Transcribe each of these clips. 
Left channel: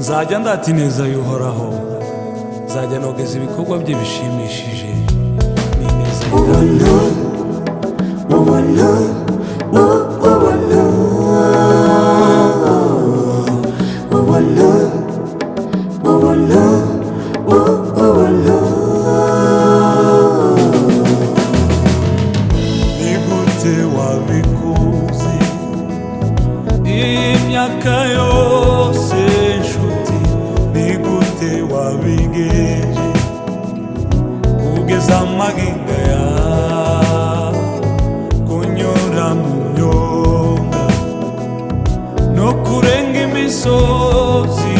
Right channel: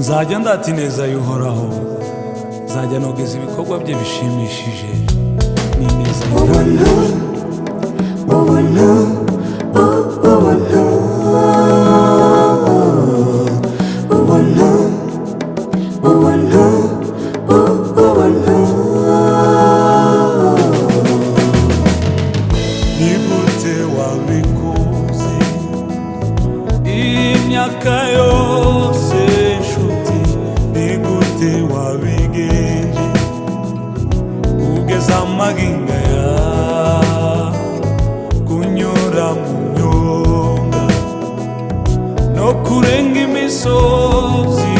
nzajya ndata ineza y'uhoraho, nzajya nogeza ibikorwa bye bishimishije n'ineza y'Imana. Nigute wabikoze imyaka yose nshuti, nigute wabigenje kugeza amagingo ya kunyura mu myonga no kurenga imisozi,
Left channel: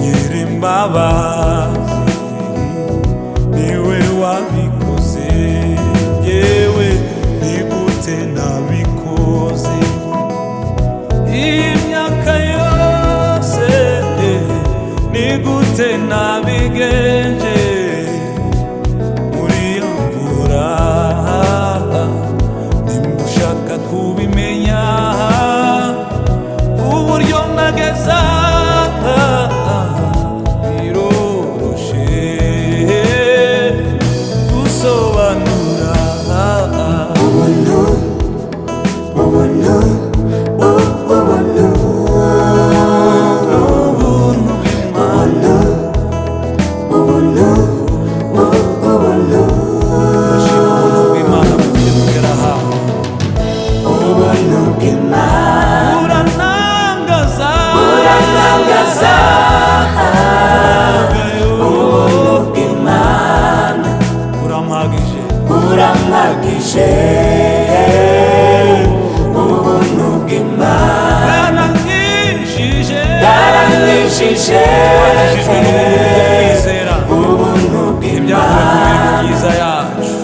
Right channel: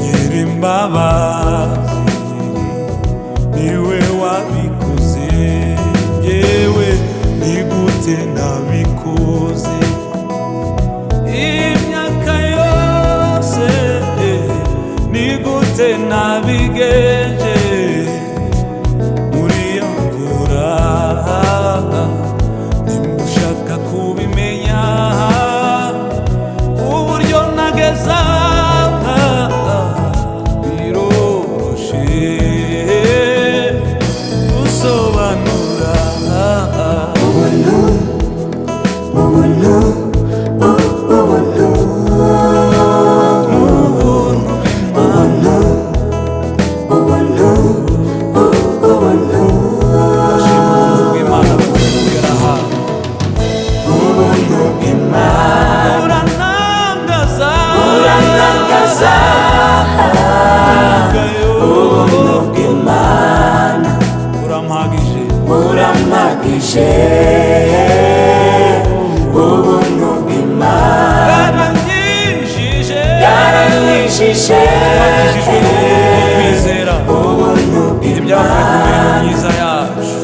Nyirimbabazi niwe wabikoze, yewe nigute nabikoze imyaka yose, nigute nabigenje muri iyo mvura, nimushaka kubimenya uburyo nageza biroroshe gusobanura. Twakijijwe n'ubuntu bwo kwizera, ntibyavuye ku mirimo myiza yacu,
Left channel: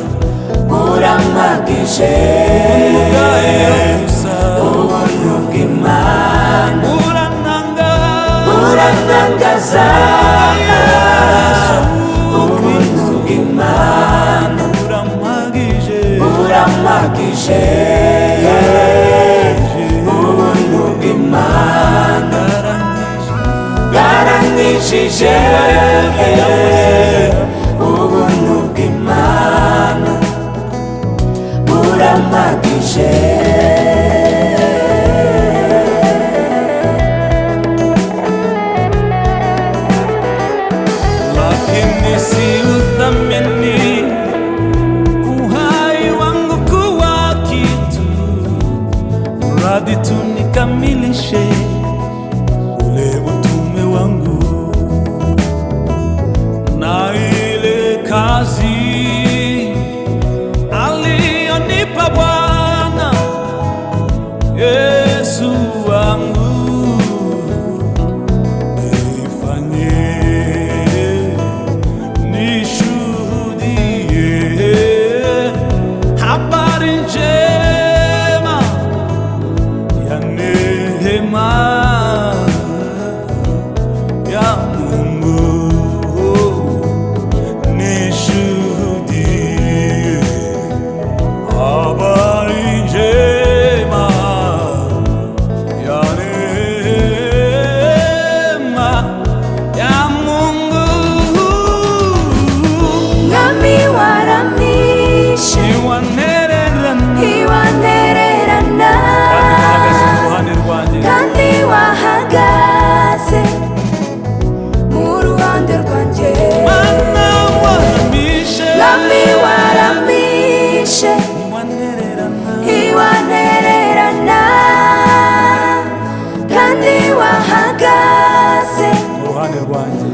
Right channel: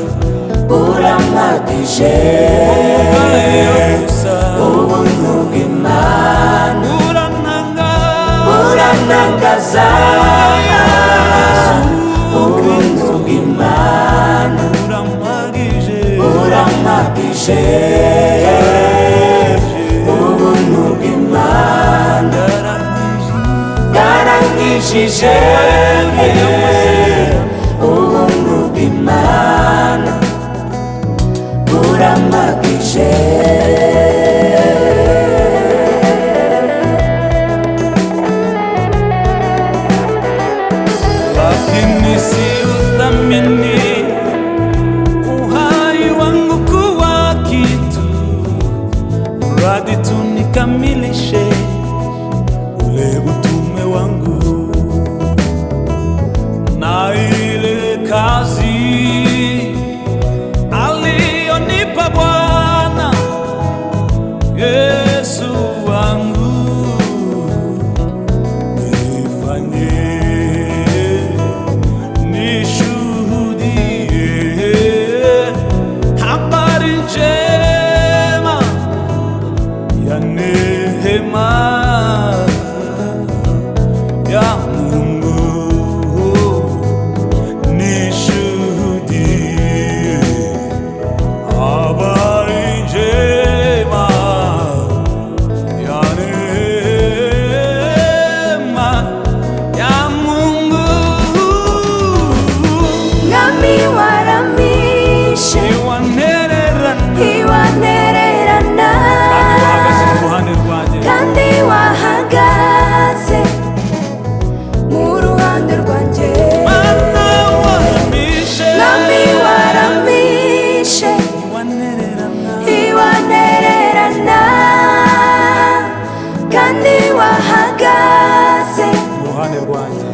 ubuntu bwayo gusa burantangaza, Yesu Kristo burampagije, bari kure y'amasezerano, ubuntu bw'Imana burampagije. Lakini si uthamini uhai wangu kuwa kitu, mradi tu nikamilishe ule utume wangu na ile kazi aliyonipa Bwana Yesu wangu, nifanye nishuhudie habari njema ya neema ya Mungu, nishuhudie habari njema ya neema ya Mungu. Nami waramishe, Iwanererana kandi wahagaze mu ruhande rwanjye, Mana waramishe, iwanererana kandi wahagaze mu ruhande rwanjye.